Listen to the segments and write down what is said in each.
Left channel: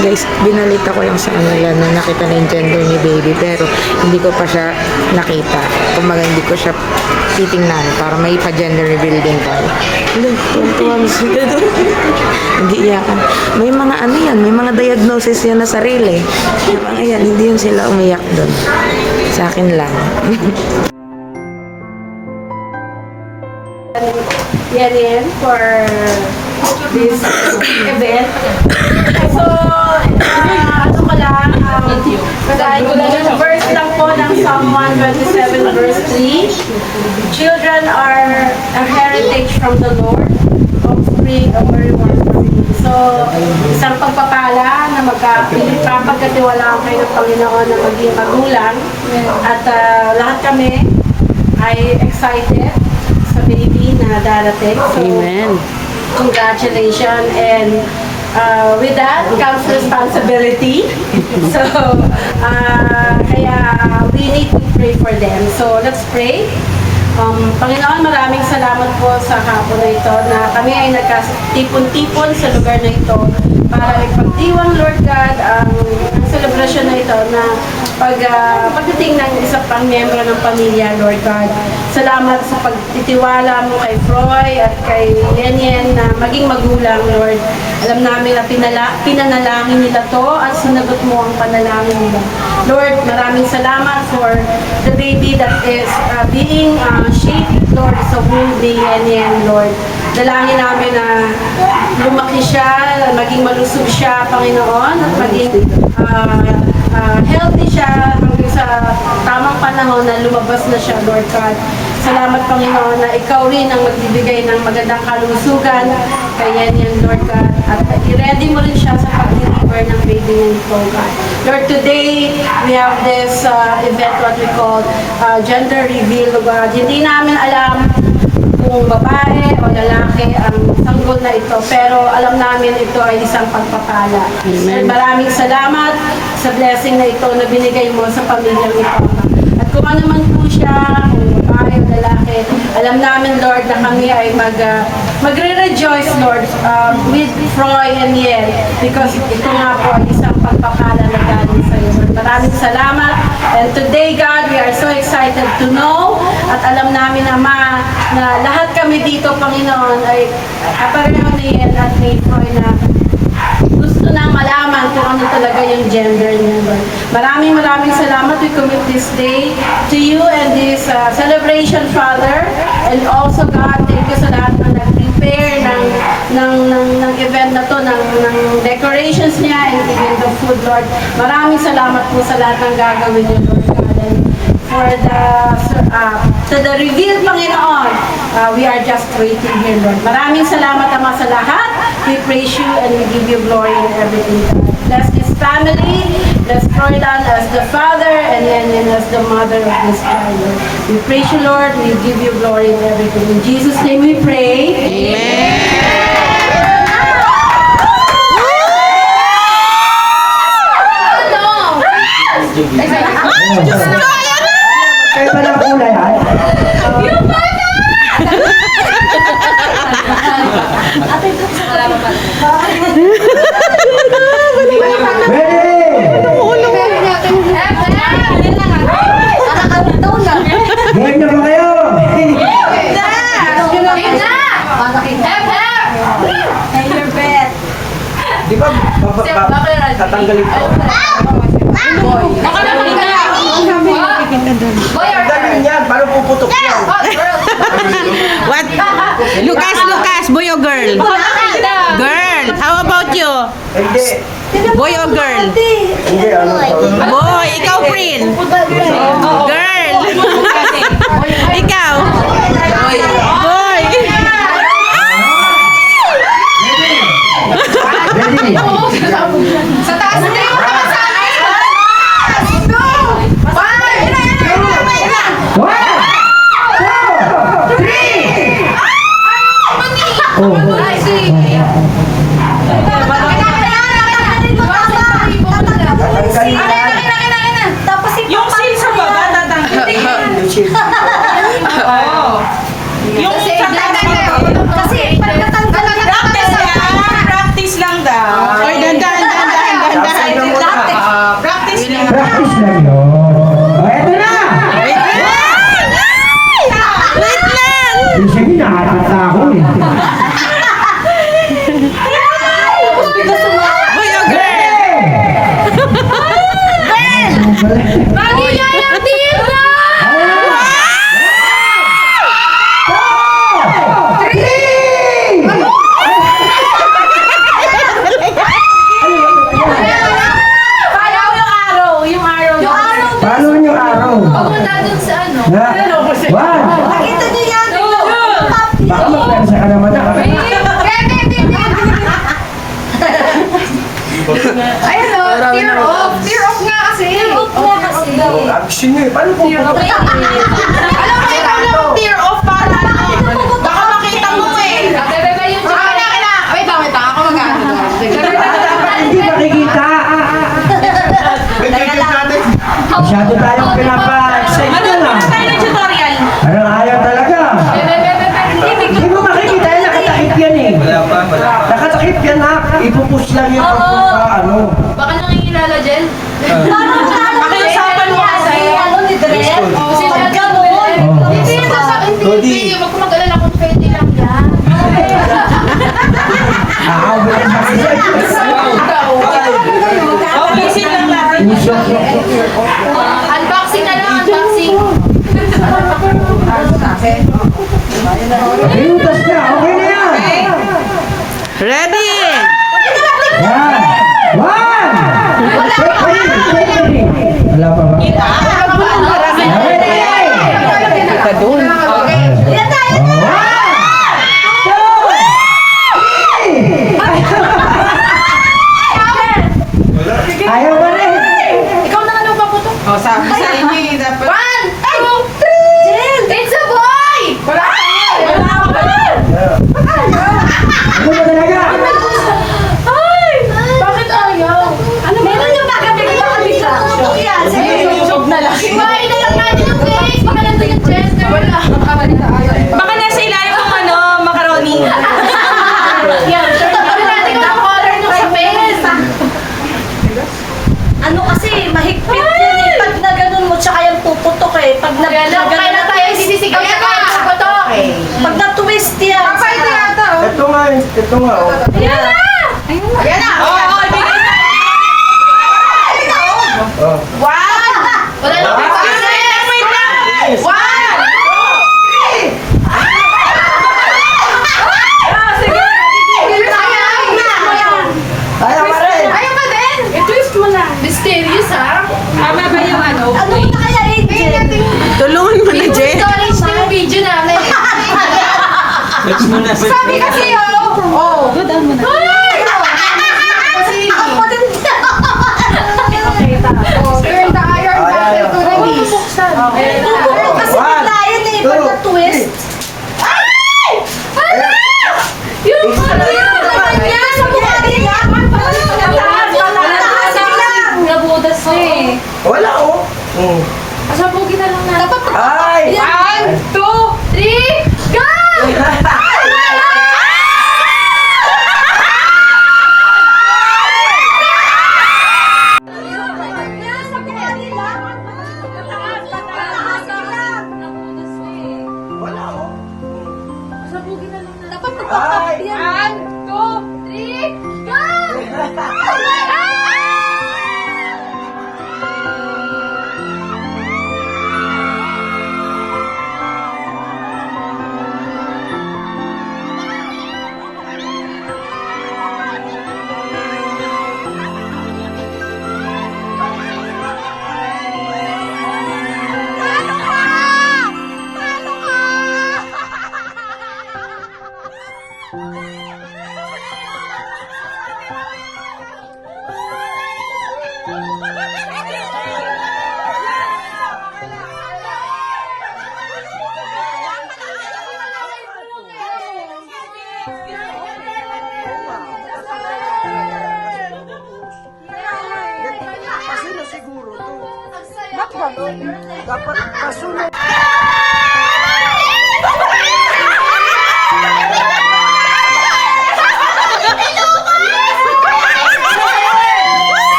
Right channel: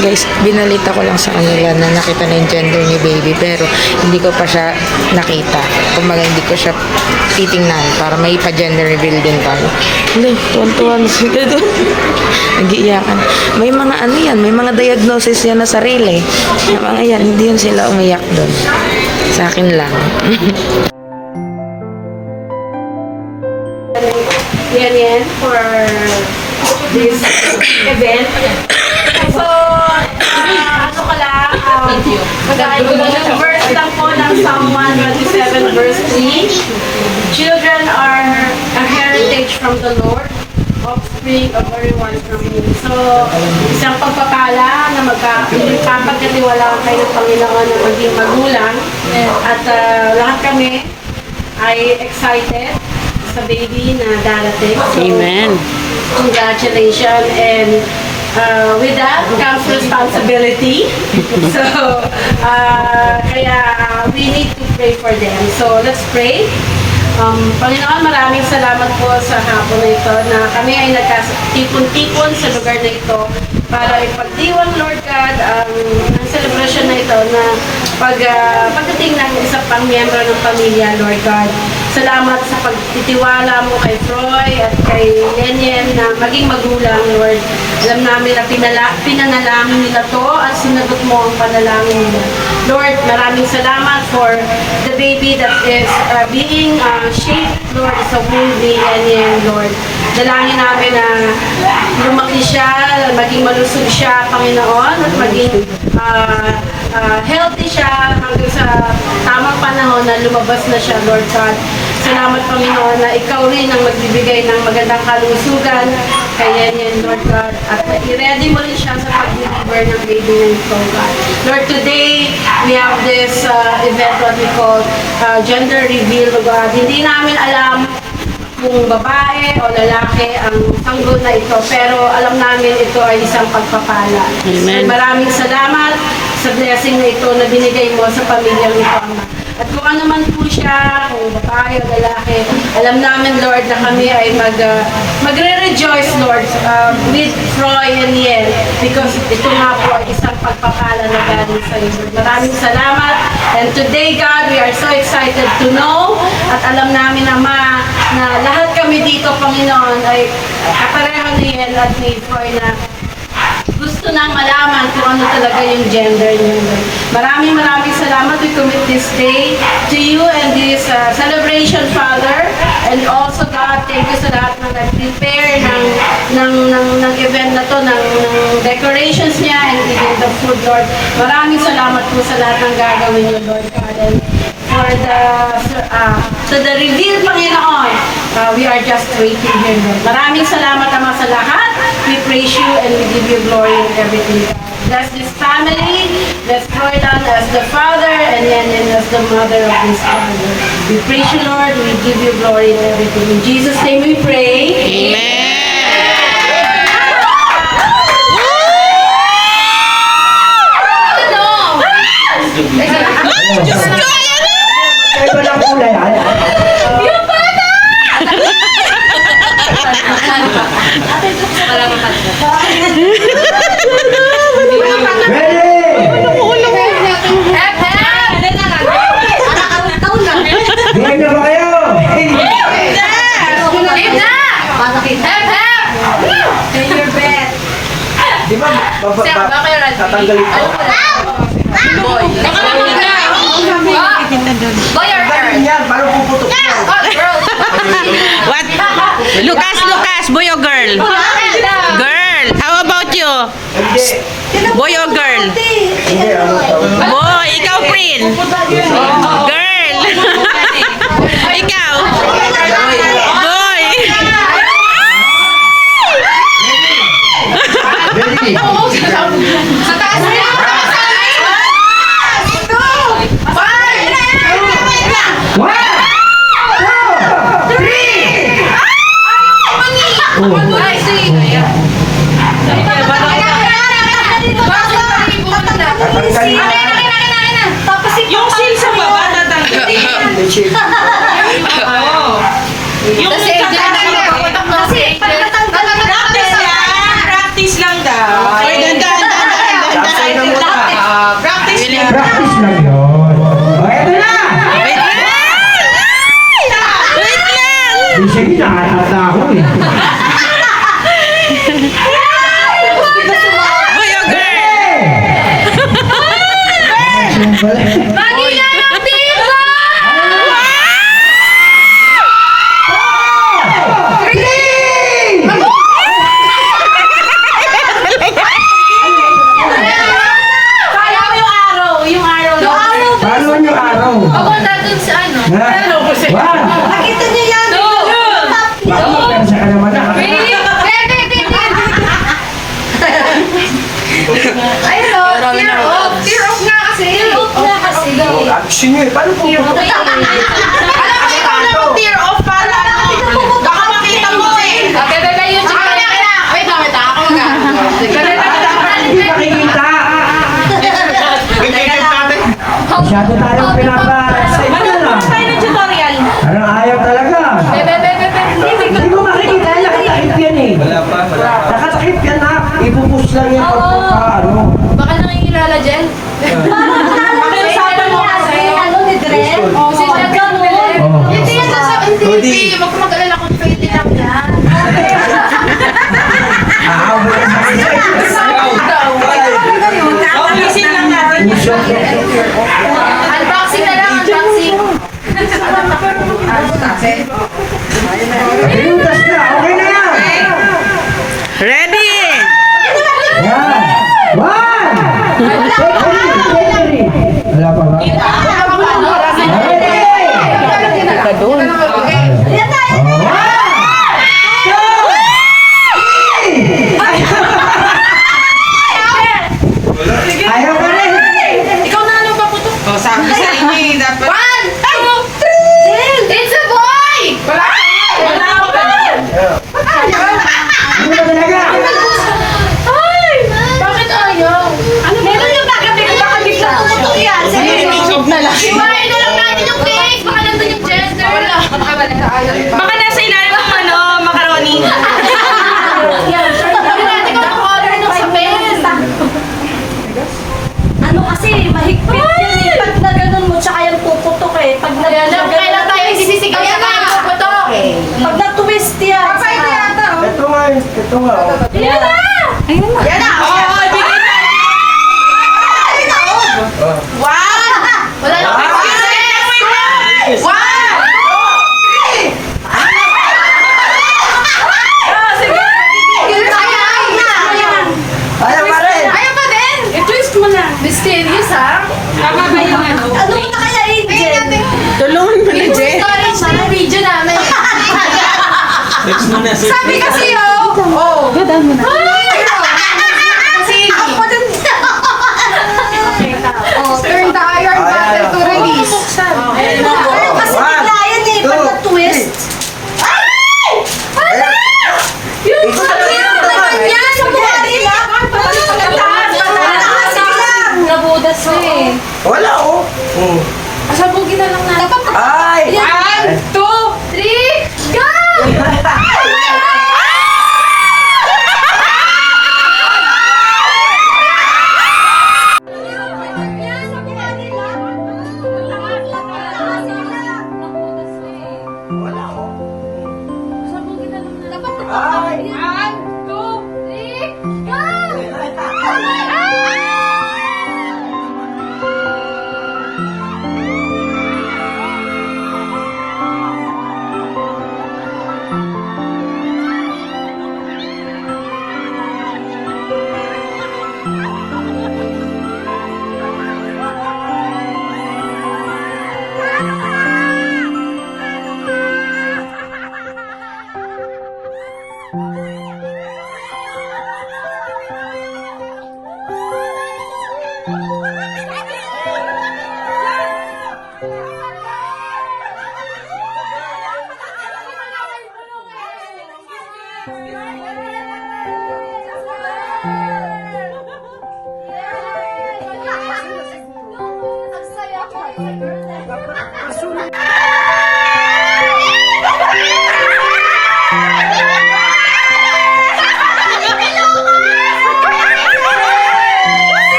Guys, binalita ko lang sa kanila na nakita na yung gender ni baby pero hindi ko pa siya nakita. Kumbaga hindi ko siya titingnan para may pa-gender reveal din tayo. Hindi, tuwan-tuwan sila doon. Nag-iiyakan. May mga ano yan, may mga diagnosis yan na sarili. Yung mga yan, hindi yun sila umiyak doon. Sa akin lang. Yan for this event. So, ano ka lang, verse lang po ng Psalm 127 verse 3. Children are a heritage from the Lord, offspring of a reward from Him. So, isang pagpapala na magpapagkatiwalaan kayo ng Panginoon na maging magulang. At lahat kami ay excited sa baby na darating. So, Amen. congratulations, and with that comes responsibility. So, kaya we need to pray for them. So, let's pray. Panginoon, maraming salamat po sa hapon na ito na kami ay nagkatipon-tipon sa lugar na ito para ipagdiwang, Lord God, ang celebration na ito na pagdating ng isa pang miyembro ng pamilya, Lord God. Salamat sa pagtitiwala mo kay Froy at kay Lenyen na maging magulang, Lord. Alam namin na pinanalangin nila to at sinagot mo ang panalangin nila. Lord, maraming salamat for the baby that is being shaped, Lord, sa womb ni Lenyen, Lord. Dalangin namin na lumaki siya, maging malusog siya, Panginoon, at maging healthy siya hanggang sa tamang panahon na lumabas na siya, Lord God. Salamat, Panginoon, na ikaw rin ang magbibigay ng magandang kalusugan kay Lenyen, Lord God. At i-ready mo rin siya sa pag-deliver ng baby na ito, God. Lord, today we have this event, what we call gender reveal, God. Hindi namin alam kung babae o lalaki ang sanggol na ito, pero alam namin ito ay isang pagpapala. Amen. So, maraming salamat sa blessing na ito na binigay mo sa pamilyang ito. At kung ano man po siya, kung babae o lalaki, alam namin, Lord, na kami ay magre-rejoice, Lord, with Froy and Yen, because ito nga po ay isang pagpapala na galing sa iyo. Maraming salamat. And today, God, we are so excited to know at alam namin, Ama, na lahat kami dito, Panginoon, ay kapareho ni Yen at ni Froy na gusto nang malaman kung ano talaga yung gender niya. Maraming salamat. We commit this day to you and this celebration, Father. And also, God, thank you sa lahat ng nag-prepare ng event na to, ng decorations niya and even the food, Lord. Maraming salamat po sa lahat ng gagawin niyo, Lord God. And for the reveal, Panginoon, we are just waiting here, Lord. Maraming salamat, Ama, sa lahat. We praise you and we give you glory in everything. Bless this family, bless Freudan as the father, and then as the mother of this family. We praise you, Lord. We give you glory in everything. In Jesus' name we pray. Amen. Kaya ba lang kulay, ha? Yung bata! Buhay na ba kayo? Say your best. Di ba, tatanggalin ko? Boy. Boy or girl? Tanggalin yan, paano puputok yan? What? Lucas, boy or girl? Girl. How about you? Hindi. Boy or girl? Hindi, ano tawag? Boy, ikaw, Prin. Girl. Ikaw. Boy. Sa taas na! Yung seal sa baba, tatanggalin. Yung sa taas, lang yung ano. Baka nakikilala dyan. Pakiusapan mo kasi. Ni Dre? Oo. Si Chad mo. Oo. Hindi yan sa Hindi. Huwag ko mag-alala kung pwede lang yan. Wala sa Oblisin lang natin. Unboxing na lang, unboxing. Pinutas ka, okay na yan. Ready? Yan. One. Wala pa ba? Kita doon. Ayaw ka rin. Ikaw na anong paputok? O, sabi sa inyo eh, dapat. 1, 2, 3! It's a boy! Wala ka! Wala ka! Ano ba talaga? Ay! Bakit ayaw? Meron yung nagabigay baka bigla. Job na lang. Iwain na lang natin yung cake! Baka nandun yung Chester. Wala. Makabalik na ayaw. Baka nasa ilalim ng ano, macaroni. Ano natin kung ang color ng sapin? Ano kasi, mahigpit yan eh. Pag na ganun mo, tsaka yan puputok eh. Pag na Kailan tayo sisisigaw sa tayo puputok? pag na-twist yan. Papayto yata oh. Ito nga, ito nga. Oh. Yan. Ayan na! Oo, bigay na. Oh. Wala lang. Wait lang. Ayaw ka rin. Ayaw pa din! I-twist mo lang. Mysterious ha? Tama ba yung ano? Ano na kaya, Angel? Tulungan mo na, Jen. Storage na yung video namin. Sabi kasi oh! Ay! Kasi Ako din. turn the iron button to release. Pero kasi One, bigla yan eh. Pag two, na-twist. Yung ano yan? Nabudas na eh. Wala oh. Asabugin na lang natin. Ay! 1, 2, 3, go! Ay! 1, 2, 3, go!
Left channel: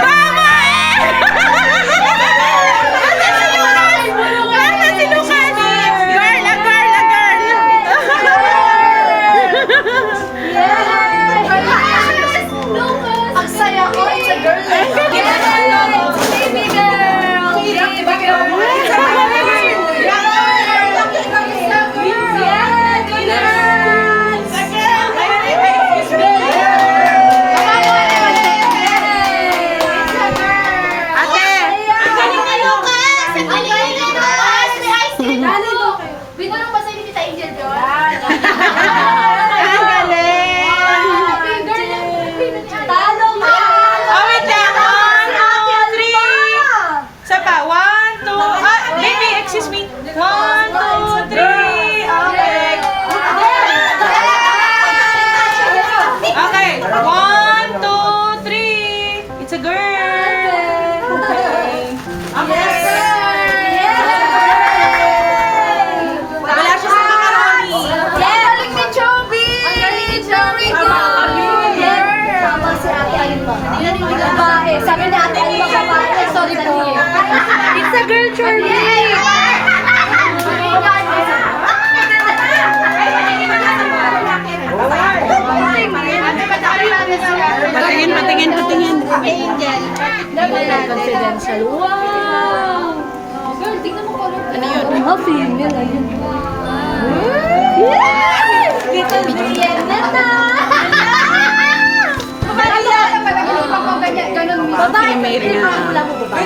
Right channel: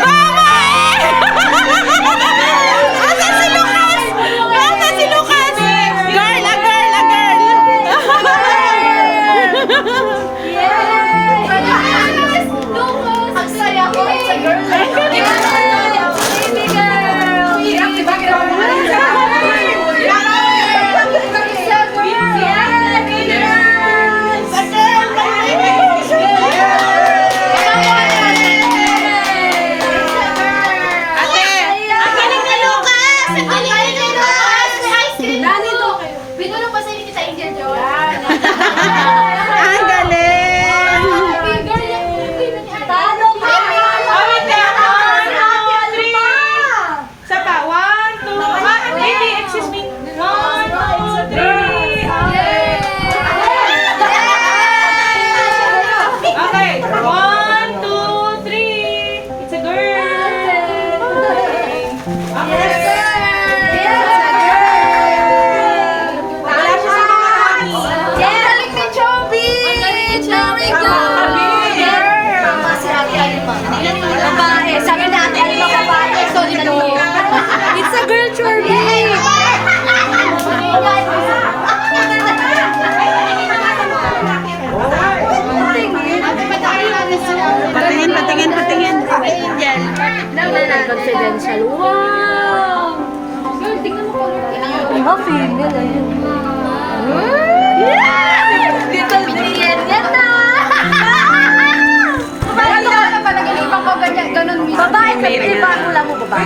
Mama! confidential. Wow! Girl, tingnan mo ko. Ano female, ayun. Little Brienne na ta! Panaginipang ko ganyan, ganun mismo. Female nga.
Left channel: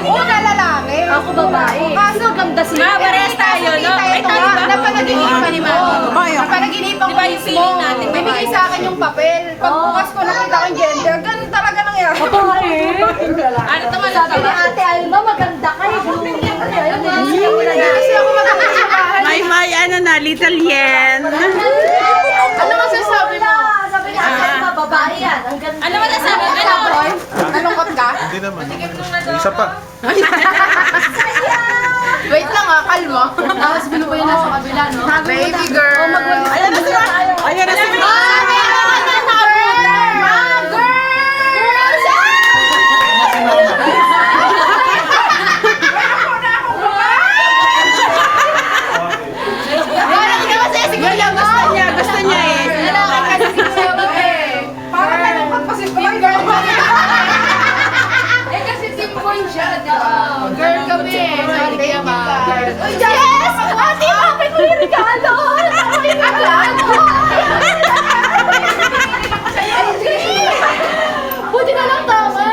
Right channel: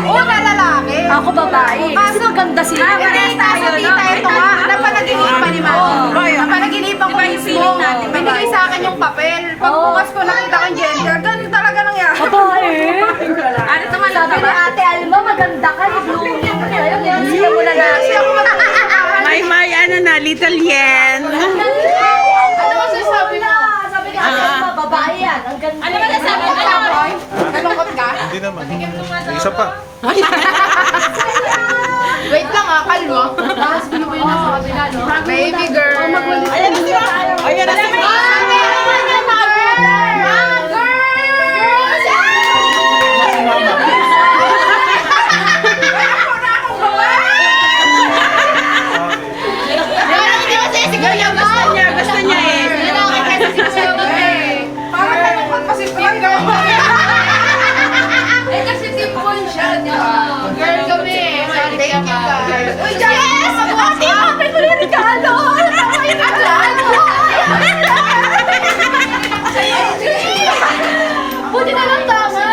Oo, na lalaki. Ako babae. Kaso ganda sila. Parehas tayo, tita, ito nga, napanaginipan ni Mami. Napanaginipan ko mismo. Binigay sa akin yung papel. Pagbukas ko, nakita ko yung gender. Ganun talaga nangyari. Ano naman sabi Ate Alma, maganda ka. Kasi ako maganda sa bahay. May ano na, little yen. Ano masasabi mo? Sabi na Ate Alma, babae yan. Ang ganda. Ano masasabi mo? Nalungkot ka? Hindi naman, no? May isa pa. Wait lang ah, kalma. Tapos gulo ko yung nasa kabila, no? Baby girl. Ayan na sila tayo. Ayun na sila. Yun ang gusto niya eh. Parang nalungkot pa si Boy, girl. Eh kasi tip boy siya, di ba? Girl kami. Thank you, guys. Uy, yes! Ate, bakit ko yung regalo? Bakit yung regalo? Buti na lang tama.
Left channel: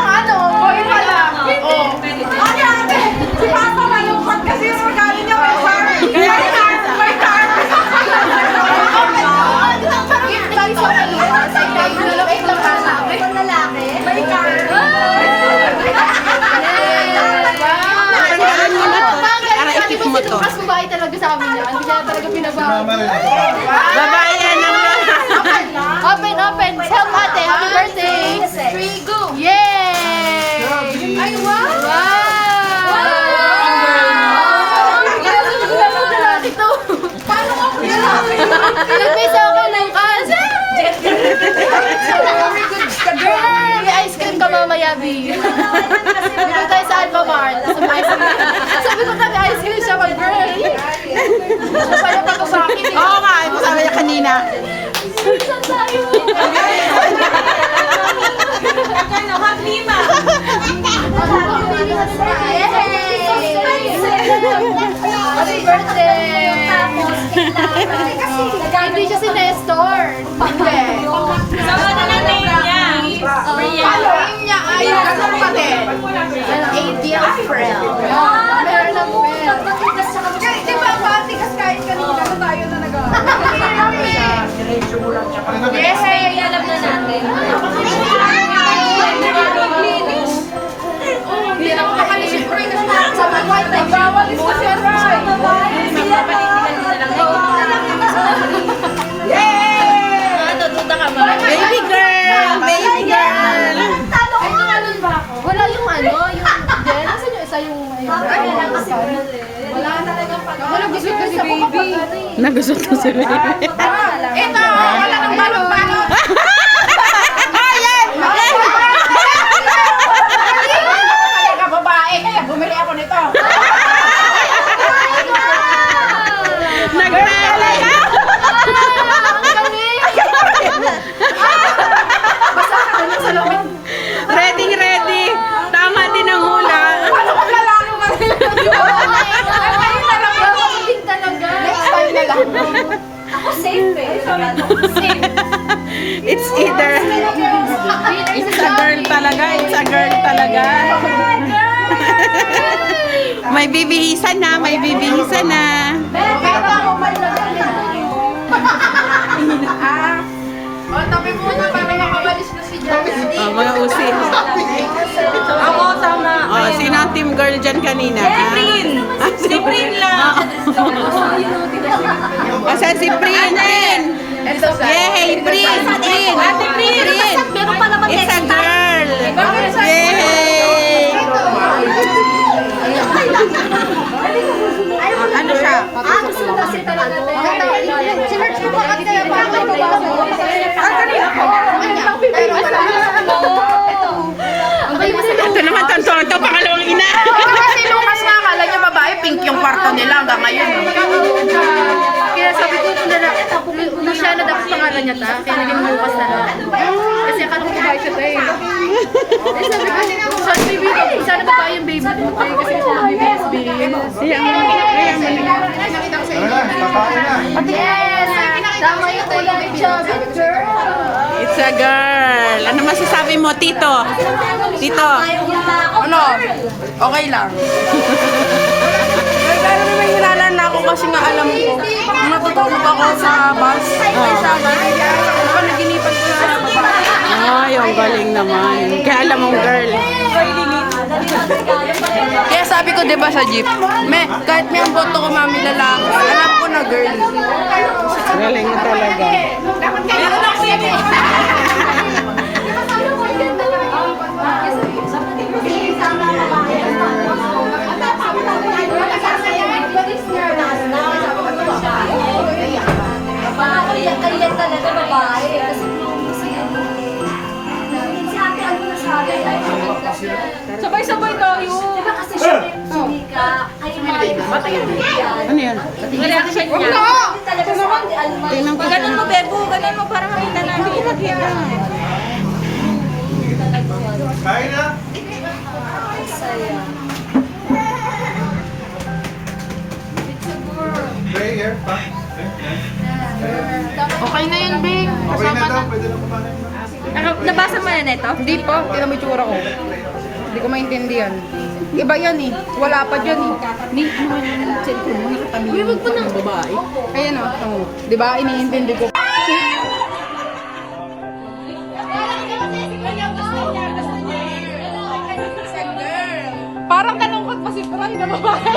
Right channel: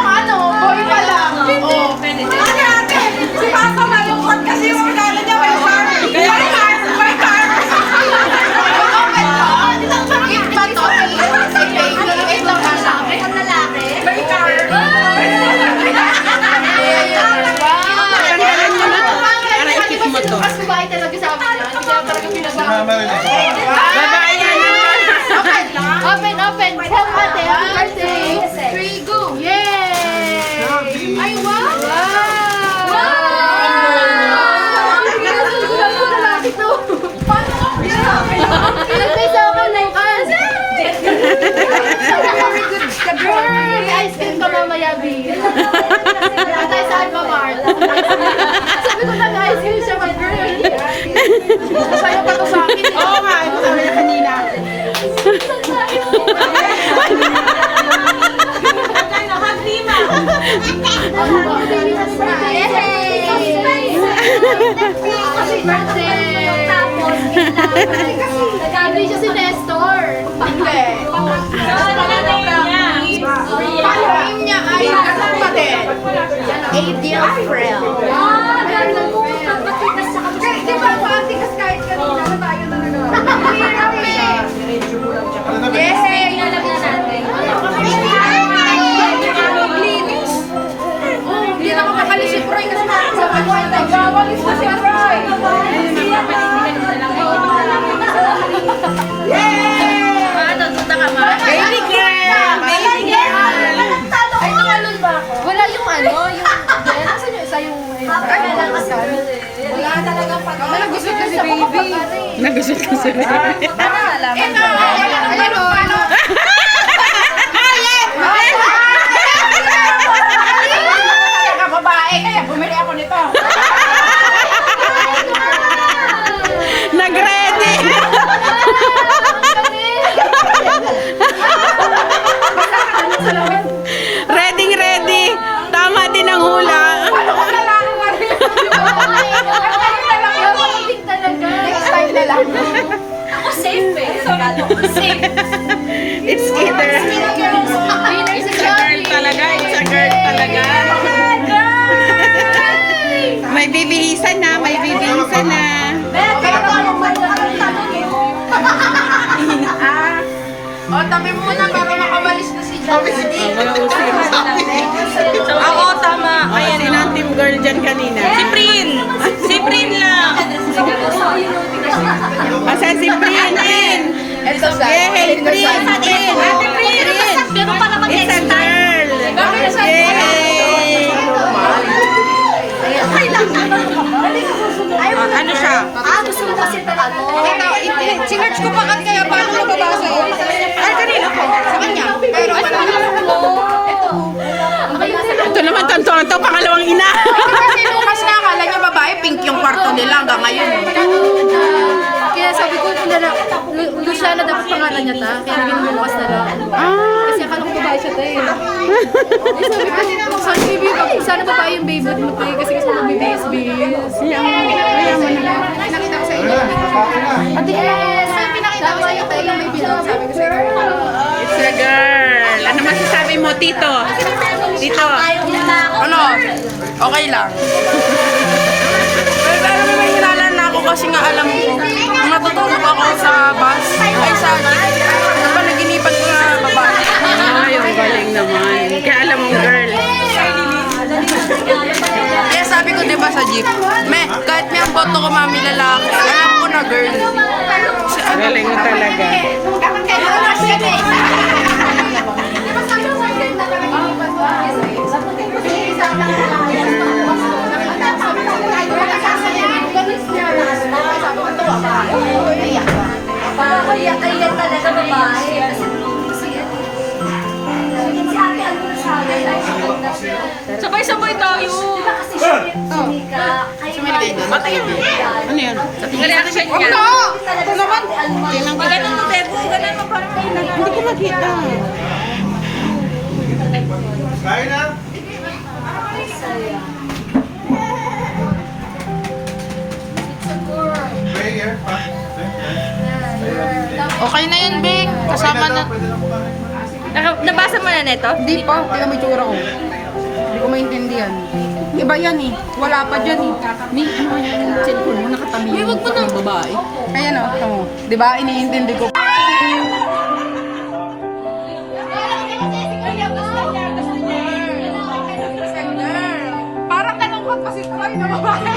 Ano, boy pa lang. Ate, ate, si Papa malungkot kasi yung regalo niya may car. May car. Gift ba to? Wait lang ka sa akin. Ang lalaki. May car. Para ikip mo to. Mas babae talaga sa amin yan. Hindi kaya talaga Si pinagawa. Mama rin isa pa. Babae yan ang Open, open. Tell ate, happy birthday. 3, go. Yay! Ay, wow! Ilagay sa akin ng kas. Girl, ice cream ka mamaya, B. Dito tayo sa Alba Mart. Sabi ko nag-ice cream siya, mag-girl. Masaya pa to sa akin eh. Oo nga, sabi niya kanina. Happy birthday! Nag-agree siya si Nestor. Hindi. Paano name niya ay kapatid? A dear friend. Meron ng friend. Di ba, antikas kahit kanina na tayo talaga. Yes, ay alam na natin. Hindi lang makali si Froy kasi sa mga nagwawalis na si Froy. Yay! baby girl. Baby girl. Wala yung ano, yung then, asan yung isa yung wala talagang pag wala gusto kasi baby. Nagusot ko sa baby. Ito, ano, babae, kaya bumili ako nito. Nag-ready. Ready. Tama din ang hula. Next time na lang. Ako safe eh. Safe. It's either. It's a girl talaga. It's a girl talaga. May bibilisan na. O, tabi muna bago makabalis na si Joey. Mga usin. Ako, tama. Sino ang team girl dyan kanina? Si Prin lang. Asan si Prin? Yay! Prin! It's a girl! Yay! Ano siya? Gusto mo kasi talaga. Sinerch ko pa kaya paano mababasa yun? Ay, kanina po. Sa kanya. Pero wala Ito naman, tonto, pangalawang ina. Kasi Lucas nga, akala niya babae, pink yung kwarto nila hanggang ngayon. Kaya sabi ko, Lucia na dapat pangalan niya ta. Pero yung Lucas na lang. Kasi akala ko siya tayo. Sabi ko, sana ba tayo yung baby mo tayo kasi gusto mo BBS. Kaya mo na. Yes! Tama yung kulay chubby girl. It's a girl. Ano masasabi mo, Tito? Tito? Ano? Okay lang. Pero may hinalan na ako kasi nga alam ko, matutulog ako sa bus, ay sa jeep. Napanaginipan ko na babae. Ay, ang galing naman. Kaya alam mong girl. Kaya sabi ko, di ba sa jeep, kahit may ang boto ko mami lalaki, alam ko na girl. Galing mo talaga. Iyak talaga babae. Sabay-sabay tayo. Diba kasi siya sinika? Kayo Ano yan? Huwag na! Ito naman. Ganun mo, Bebo. Ganun mo para makita na. Hindi ko nakita. Kain na. Pray here. Okay na yun, Bing. Okay na daw, pwede na kumain. Nabasa mo na neto? Hindi pa. Tignan mo yung tsura ko. Hindi ko maintindihan. Iba yan eh. Wala pa dyan eh. May ano yung cellphone mo nakatabi yung pag ng babae. Kaya no. Oh. Di ba? Iniintindi ko. Parang kanungkot pa si Troy na babae.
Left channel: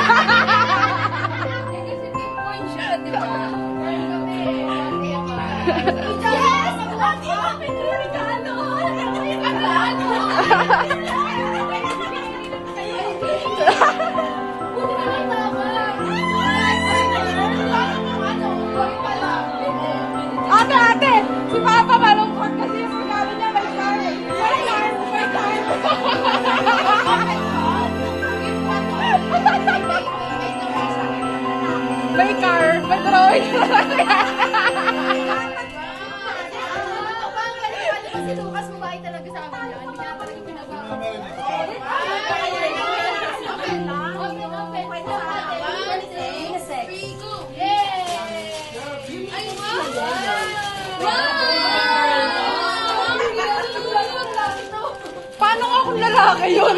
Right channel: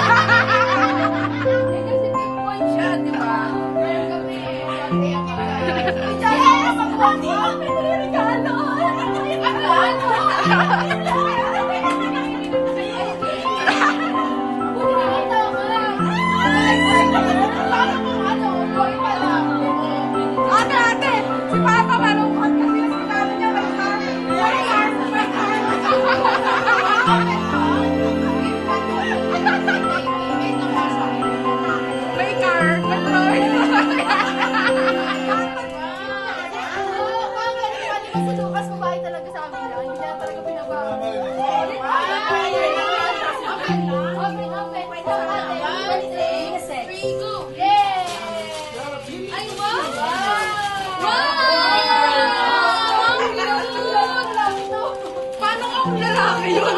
Siya, di ba? Ate! Si Papa malungkot kasi yung sinabi niya may may car! May Troy! Si Lucas, babae talaga sa amin yan. Hindi niya talaga pinabago. Paano nga kung lalaki yun?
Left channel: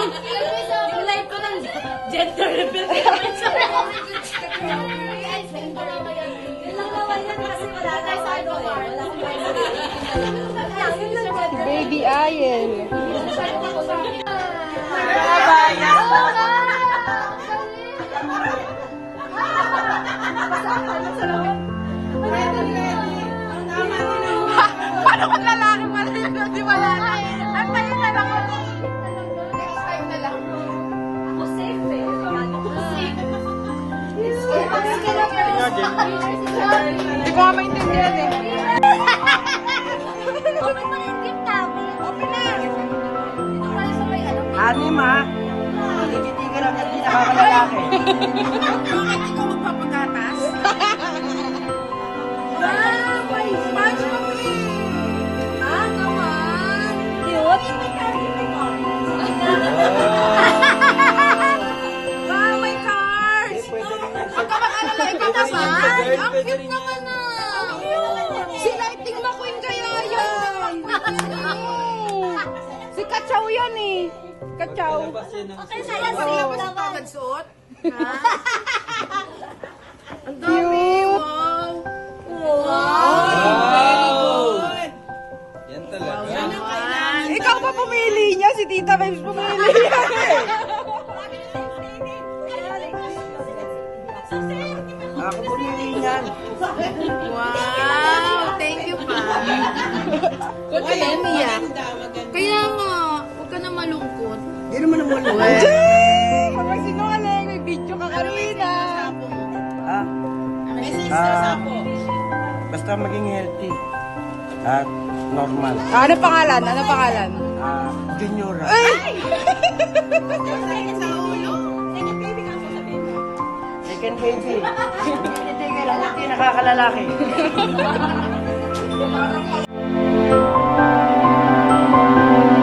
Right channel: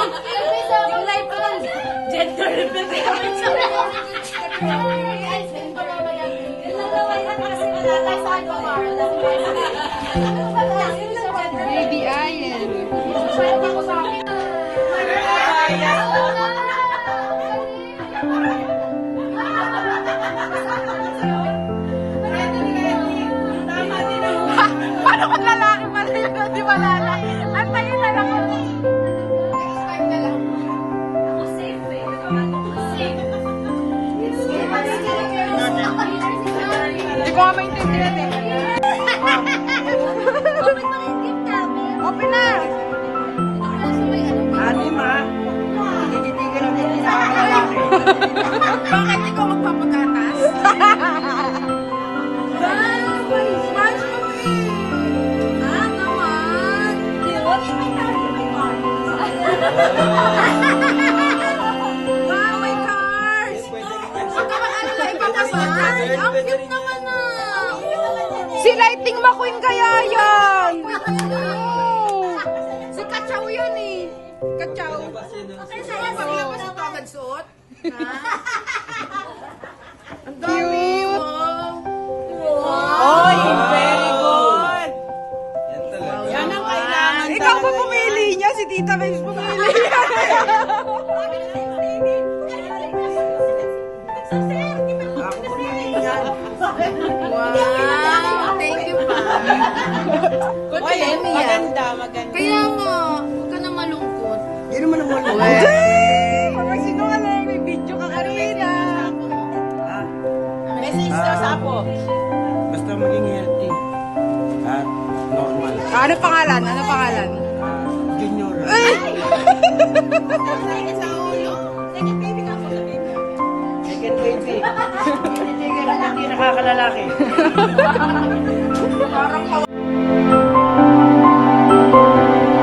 Yung live ko ng gender reveal sa Baby Ayen. Paano kung lalaki pala yun? Di wala na. Antayin na lang ako. Hindi ko nga maintindihan eh. Open na. Ani ma, tititigil lang yung pinakalalaki. Bakit ikaw magpapagatas? May sponge pa naman. Wow, may cars! Huwag ka mag-alala, ipapasal. Ang cute naman na. Si Lighting McQueen kaya yan. Si Kachaw yan eh. Kachaw. Paglabas ito agad suot. Ang dami oh. Wow. Very good. Yan talaga. Yan ang kailangan. Ikaw ba pumili niya? Si Tita Babes pumili niya. Ako pumili niyan. Wow! Thank you pa. Wala, Mia. Kaya nga, huwag ka na malungkot. Hindi naman na malungkot. Pag sinungaling, may video ka kanina. Basta maging healthy at normal. Ano pangalan? Ano pangalan? Junior. Second baby. Hindi lang hindi nakakalalaki. Bye.